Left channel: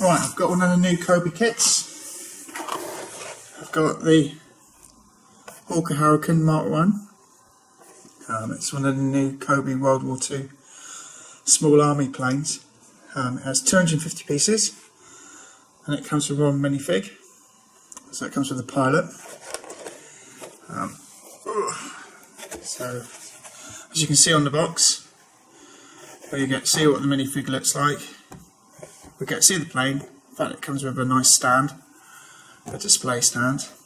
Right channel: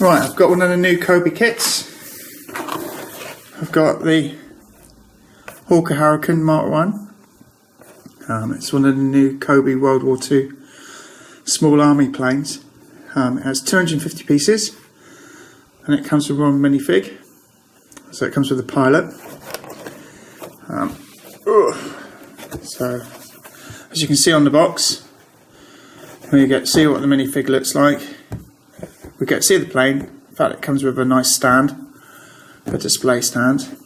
Right, I've got one of the new Cobi kits. I've got the Hawker Hurricane MK1. It's one of the new Cobi World War II small army planes. It has 250 pieces and it comes with one minifig. So it comes with a pilot. So as you can see on the box, we get to see what the minifig looks like. We get to see the plane. In fact, it comes with a nice stand, a display stand.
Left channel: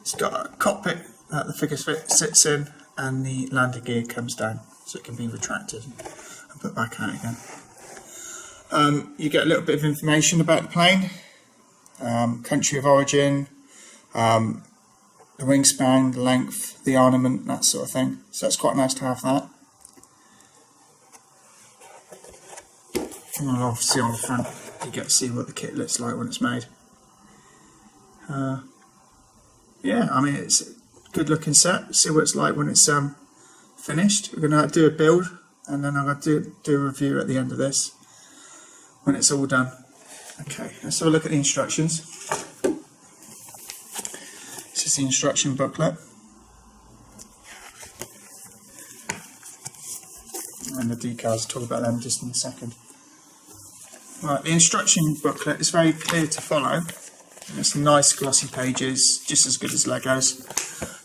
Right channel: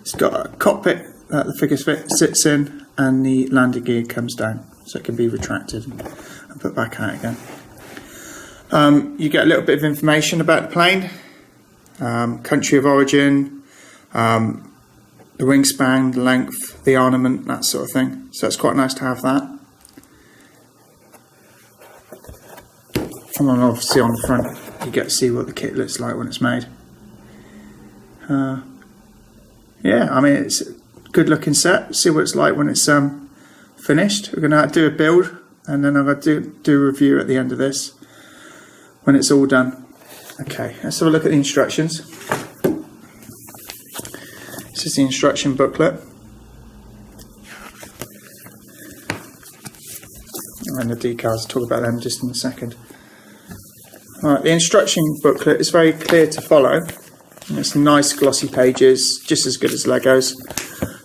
It's got a cockpit that the figure sits in, and the landing gear comes down, so it can be retracted and put back out again. You get a little bit of information about the plane, country of origin, the wingspan, the length, the armament, that sort of thing. So it's quite nice to have that. And then obviously on the front you get to see what the kit looks like when it's made. Yeah, I mean, it's a good looking set. See what it's like when it's finished. We're going to do a build and then I'm going to do a review at the end of this when it's all done. Okay, let's have a look at the instructions. This is the instruction booklet. And the decals, talk about them just in a second. Right, the instruction booklet is very clear to follow. It's nice glossy pages, just as good as Legos.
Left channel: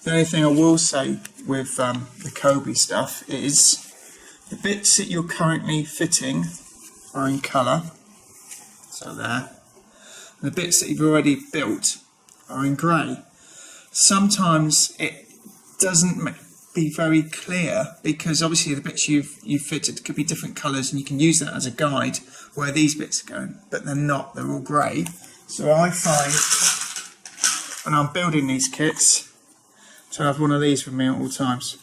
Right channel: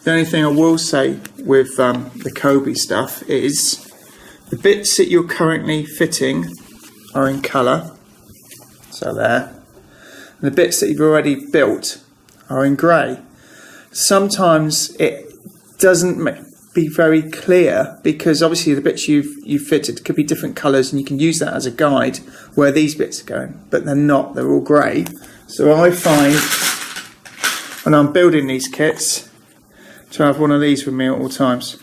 The only thing I will say with the Cobi stuff is the bits that you're currently fitting are in colour, so there. And the bits that you've already built are in grey. Sometimes it doesn't be very clear because obviously the bits you've fitted could be different colours and you can use that as a guide where these bits are going, but they're not, they're all grey. So I find when I'm building these kits to have one of these with me at all times.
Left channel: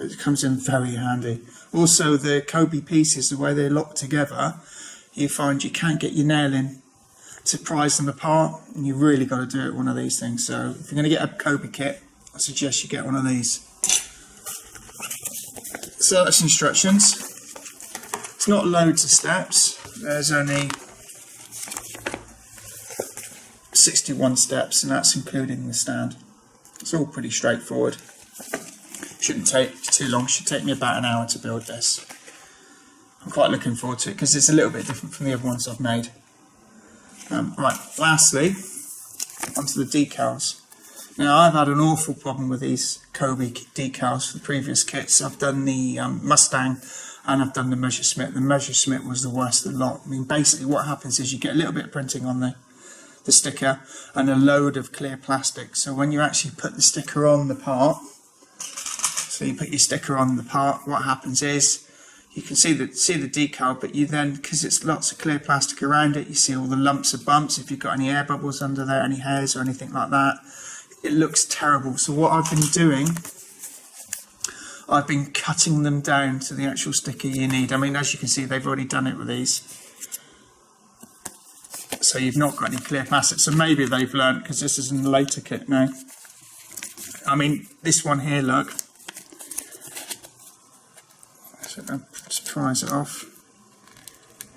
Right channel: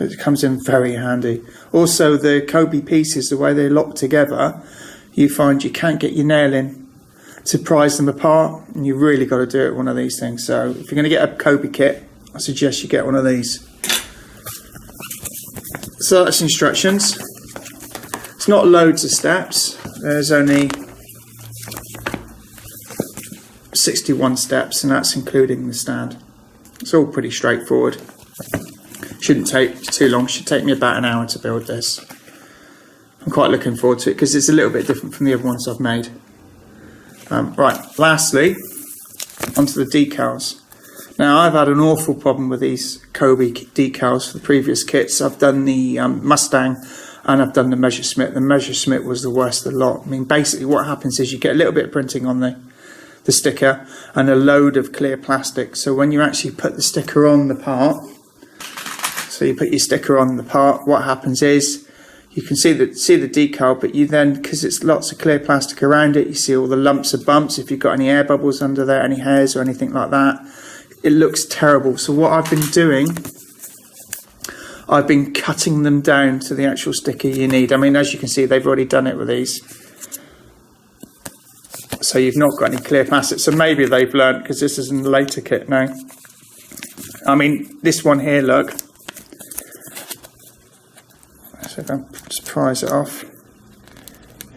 It comes in very handy. Also the Cobi pieces, the way they lock together, you find you can't get your nail in to prise them apart, and you really got to do it with one of these things. So if you're going to get a Cobi kit, I suggest you get one of these. So that's instructions. It's not loads of steps. There's only 61 steps, and that's including the stand. It's all pretty straightforward. Shouldn't take too long. Should take me about an hour to build this. I'm quite looking forward to it because it's a little bit different from the other ones I've made. Right, lastly, onto the decals. Now, I've had an awful problem with these Cobi decals for the previous kits. I've done the Mustang and I've done the Messerschmitt. The Messerschmitt was the worst of the lot. I mean, basically what happens is you get a little bit of printing on the sticker and a load of clear plastic. So when you actually put the sticker on the part, so you put your sticker on the part, what happens is you can see the decal, but you then, because it's lots of clear plastic around it, you see all the lumps and bumps. If you've got any air bubbles under there, any hairs or anything like that, it looks terrible. So what I've been doing, I've been cutting them down to the actual sticker you need. I mean, as you can see, they've already done it with these. So you've not got any clear plastic. So maybe they've learned, because this is in the later kit now. I mean, this one here, look. So if I just prise it off,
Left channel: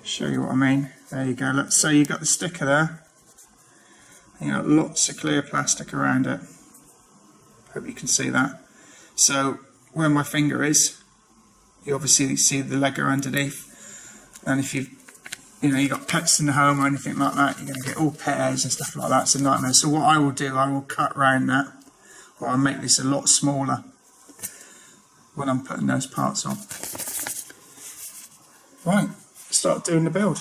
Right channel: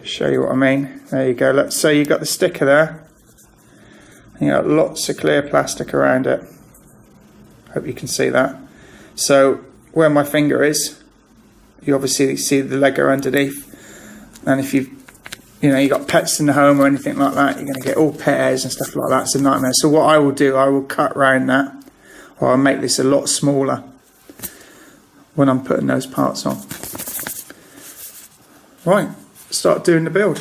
show you what I mean. There you go. Let's say you've got the sticker there. And you've got lots of clear plastic around it. Hope you can see that. So where my finger is, you obviously see the Lego underneath. And if you've got pets in the home or anything like that, you're going to get all pet hairs and stuff like that. It's a nightmare. So what I will do, I will cut around that, or I'll make this a lot smaller when I'm putting those parts on. Right, start doing the build.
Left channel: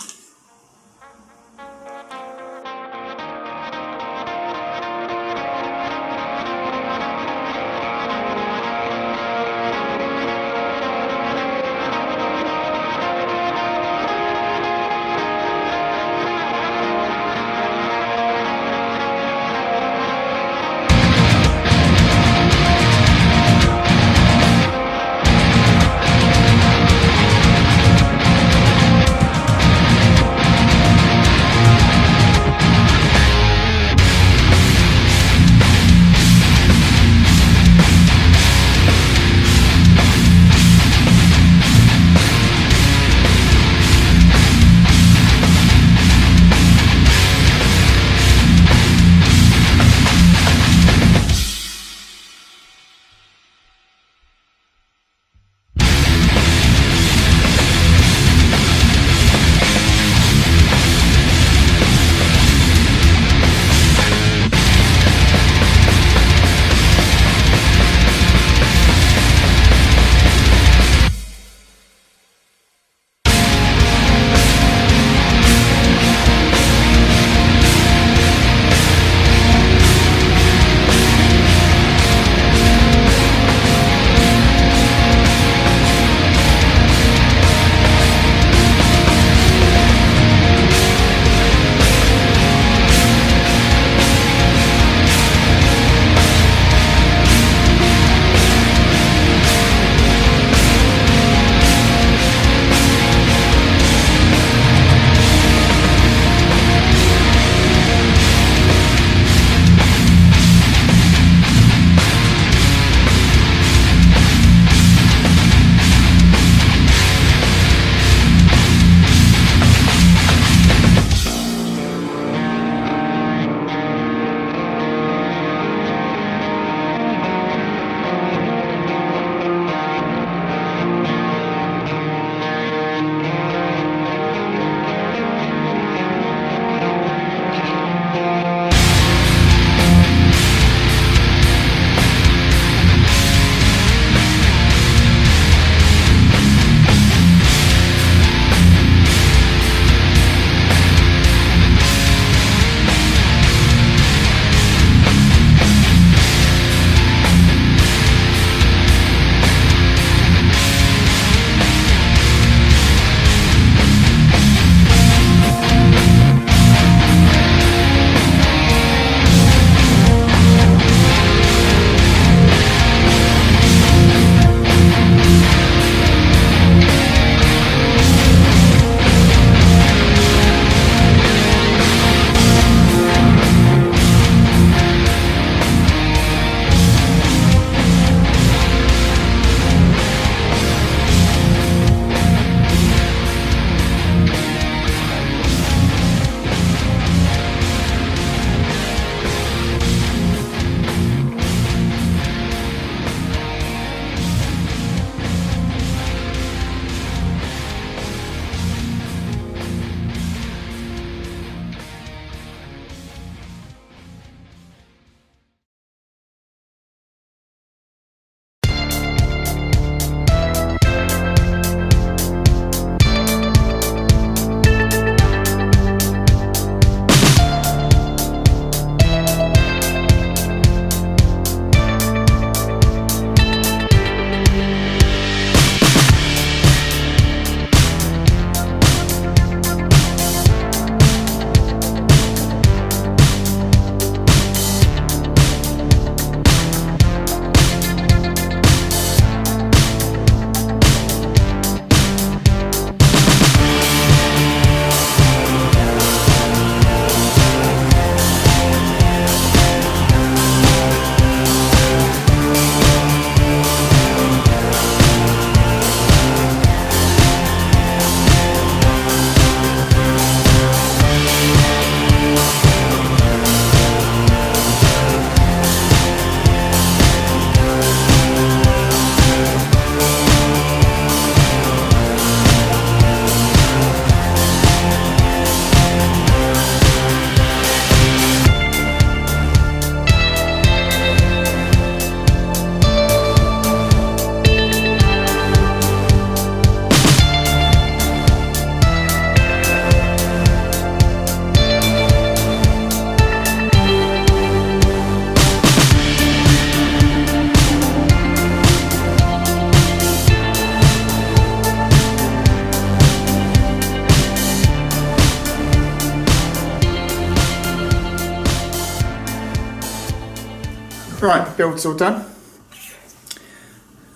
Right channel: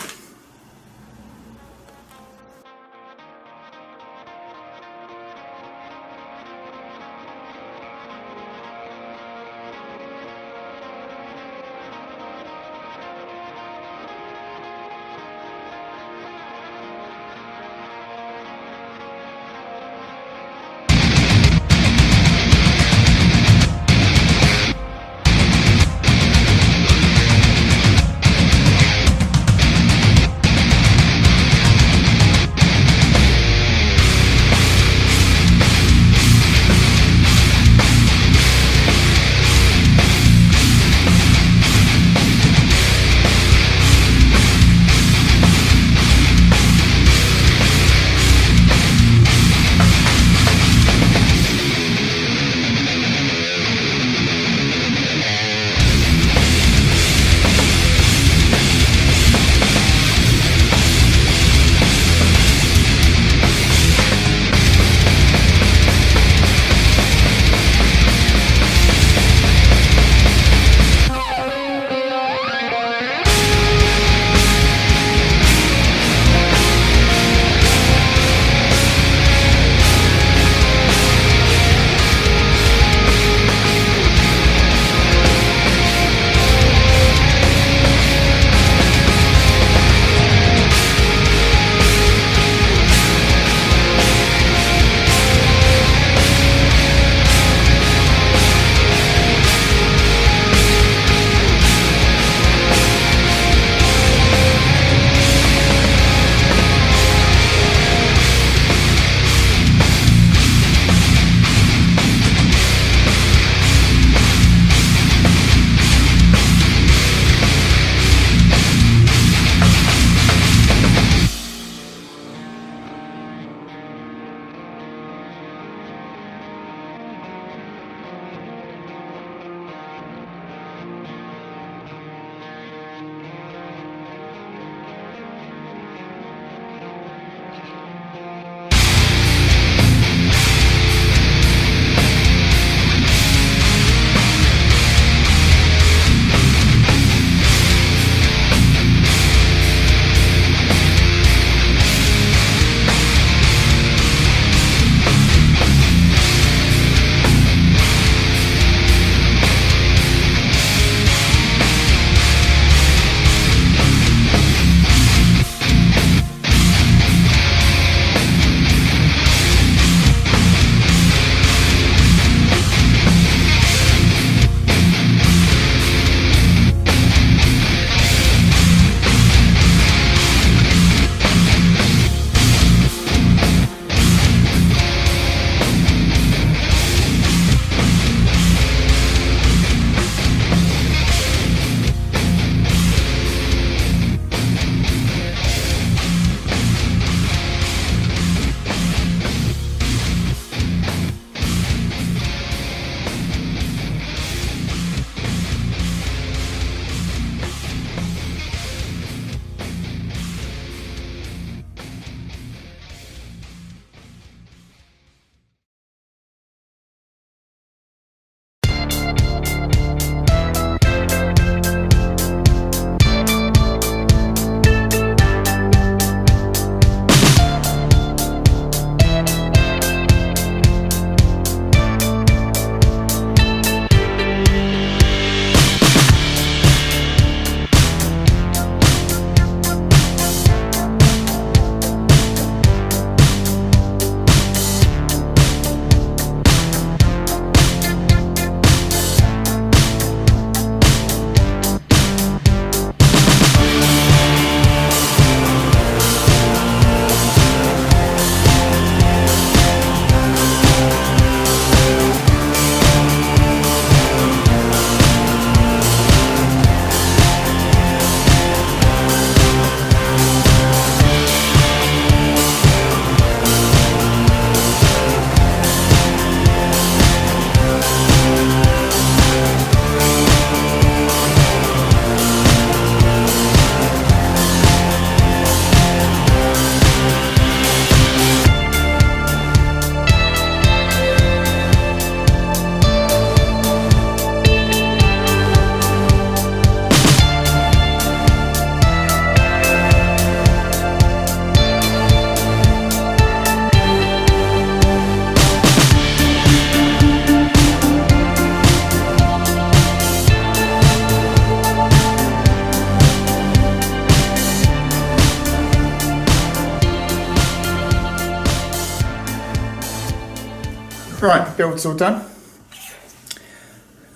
Right, build's all done.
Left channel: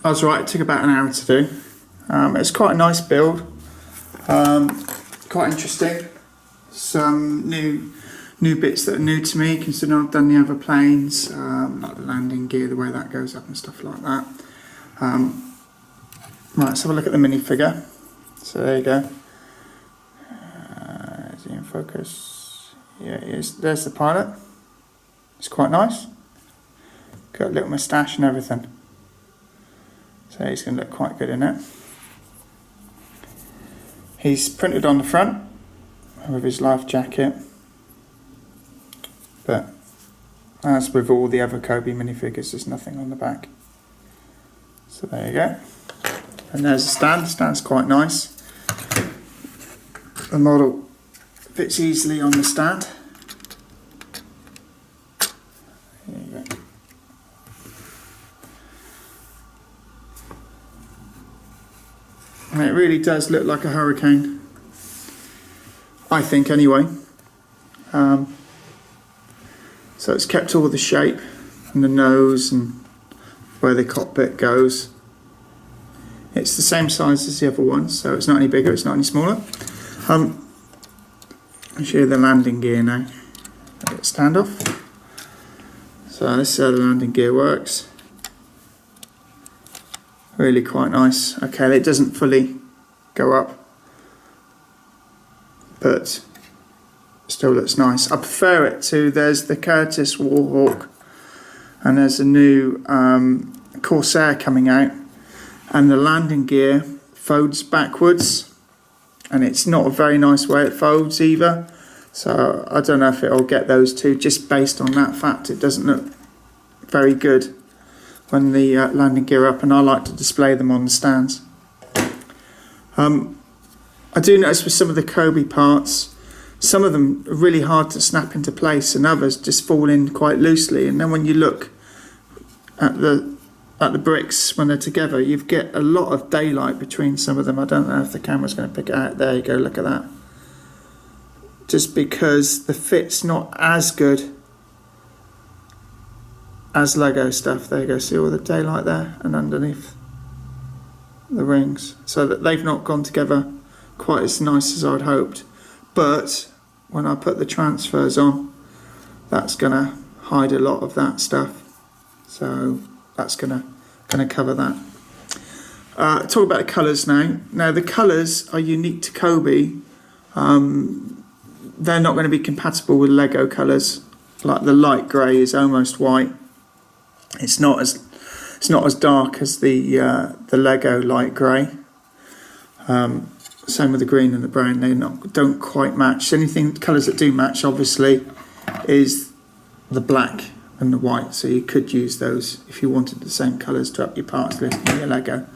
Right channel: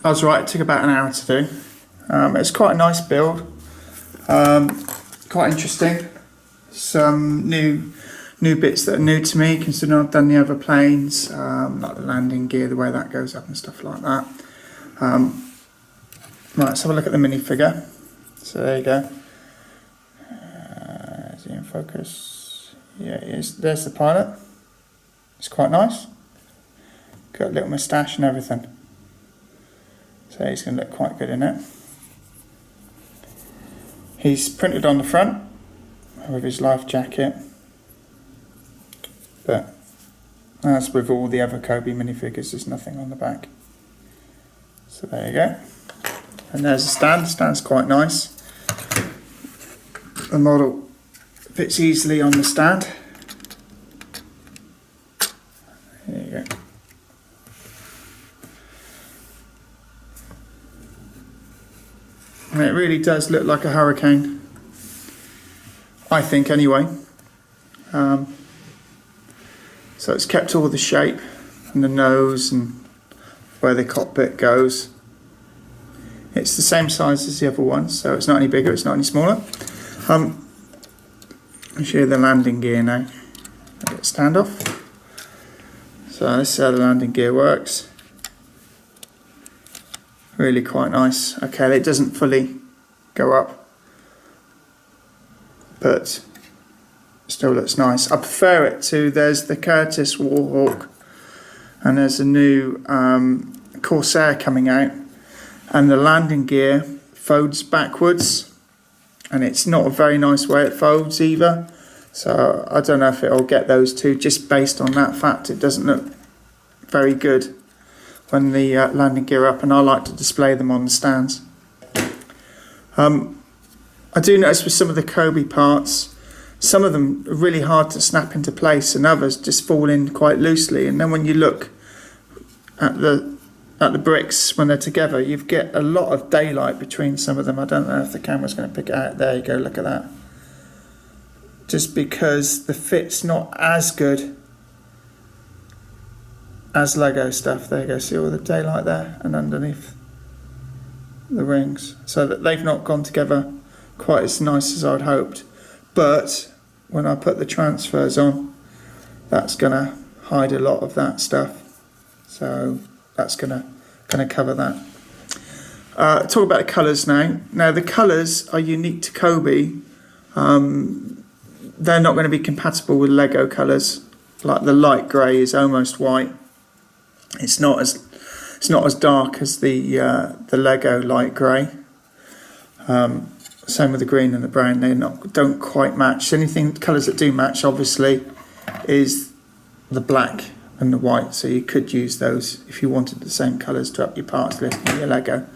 I was right, it took about an hour to do. It's quite a nice build, quite interesting. Some new bits that are new to me, considering I've done the other planes, like the landing gear, the way that goes up and stuff like that. Right, let's have a look at the minifigure. So there you go. Is he in focus? Yeah, it is. There's the pilot. It's quite nice. Got a little moustache and everything. So he's going to look quite good in it. He's printed on the front with his life jacket. But as with all the other Cobi minifigures, there's nothing on the back. So there you go. And there's the stand. The stand's quite nice. The model fits easily on the stand. There you go. And it really does look like a Hurricane, I think anyway. So it's kept all the shape and the nose and where the cockpit goes. It's the same size as the other ones, so it's not any bigger, it's not any smaller. I'll show you the landing gear now. I'll get stand off. So this is how the landing gear works. Really quite nice. Okay, it doesn't fully go up, but still looks nice. I prefer it to, there's the Curtis Warhawk and there's a new Corsair coming out, and the landing gear folds backwards and it's not a very nice way it folds either. So I don't know if it'll get those two, just based on that fact. It doesn't look very good when the landing gear up, and I like to display them on the stands. I do notice with some of the Cobi parts, some of them are really hard to snap into place and others just fall in quite loosely, and then when you look at the bricks when they're together, you get a lot of daylight between some of them. I don't know if the camera's going to pick it out. There you go, look at that. Just because the fit's not as good as Lego stuff. There you go, see all the daylight there and underneath the rings, so that they've not gone together quite as nice as I'd hoped. But when I put the transfers on, that's gonna hide a lot of that stuff, so that's gonna cover that. Talk about the colours now. Now the colours are unique to Cobi. They're not going to be compatible with Lego colours. Like the light grey is almost white. It's not as dark as the Lego light grey. Same with the green and the brown. They don't quite match. Anything colours that do match, obviously, is the black and the white. So you could use those if you wanted the same colours to up your parts list in your Lego.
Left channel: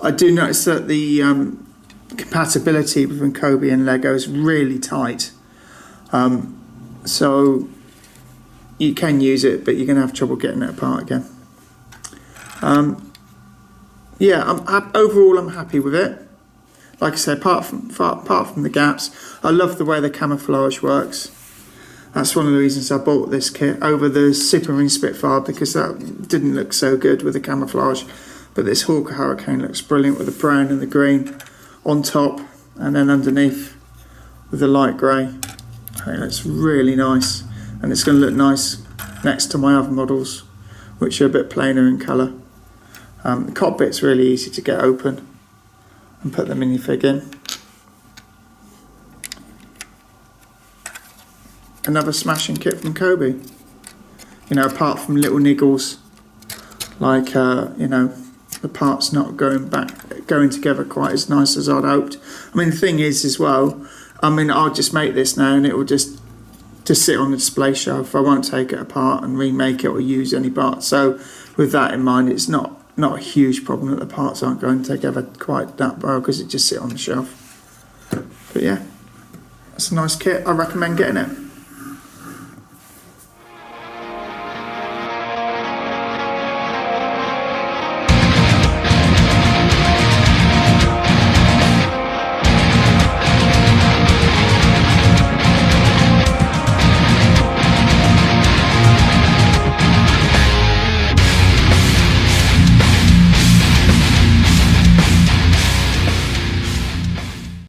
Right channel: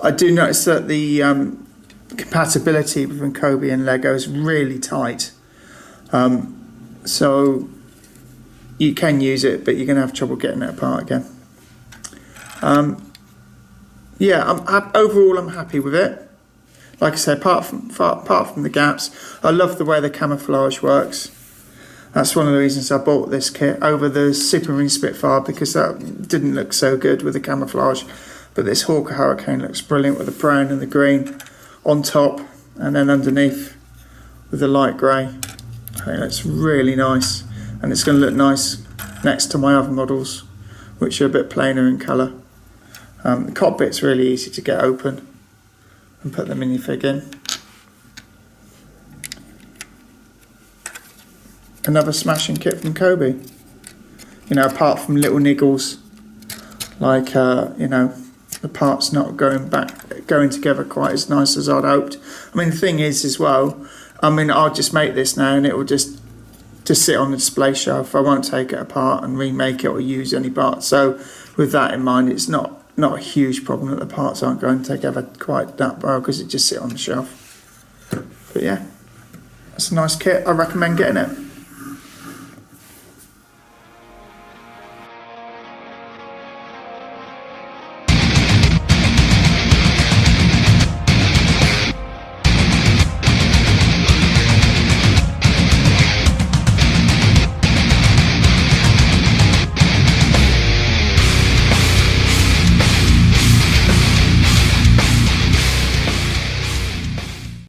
I do notice that the compatibility between Cobi and Lego is really tight. So you can use it, but you're going to have trouble getting it apart again. Yeah, overall I'm happy with it. Like I said, apart from the gaps, I love the way the camouflage works. That's one of the reasons I bought this kit over the Supermarine Spitfire, because that didn't look so good with the camouflage. But this Hawker Hurricane looks brilliant with the brown and the green on top, and then underneath with the light grey. I think that's really nice, and it's going to look nice next to my other models, which are a bit plainer in colour. The cockpit's really easy to get open and put the minifig in. Another smashing kit from Cobi. You know, apart from little niggles, like you know, the parts not going together quite as nice as I'd hoped. I mean, the thing is as well, I mean, I'll just make this now and it will just sit on the display shelf. I won't take it apart and remake it or use any parts. So with that in mind, it's not a huge problem that the parts aren't going together quite that well, because it just sit on the shelf. But yeah, that's a nice kit. I recommend getting it.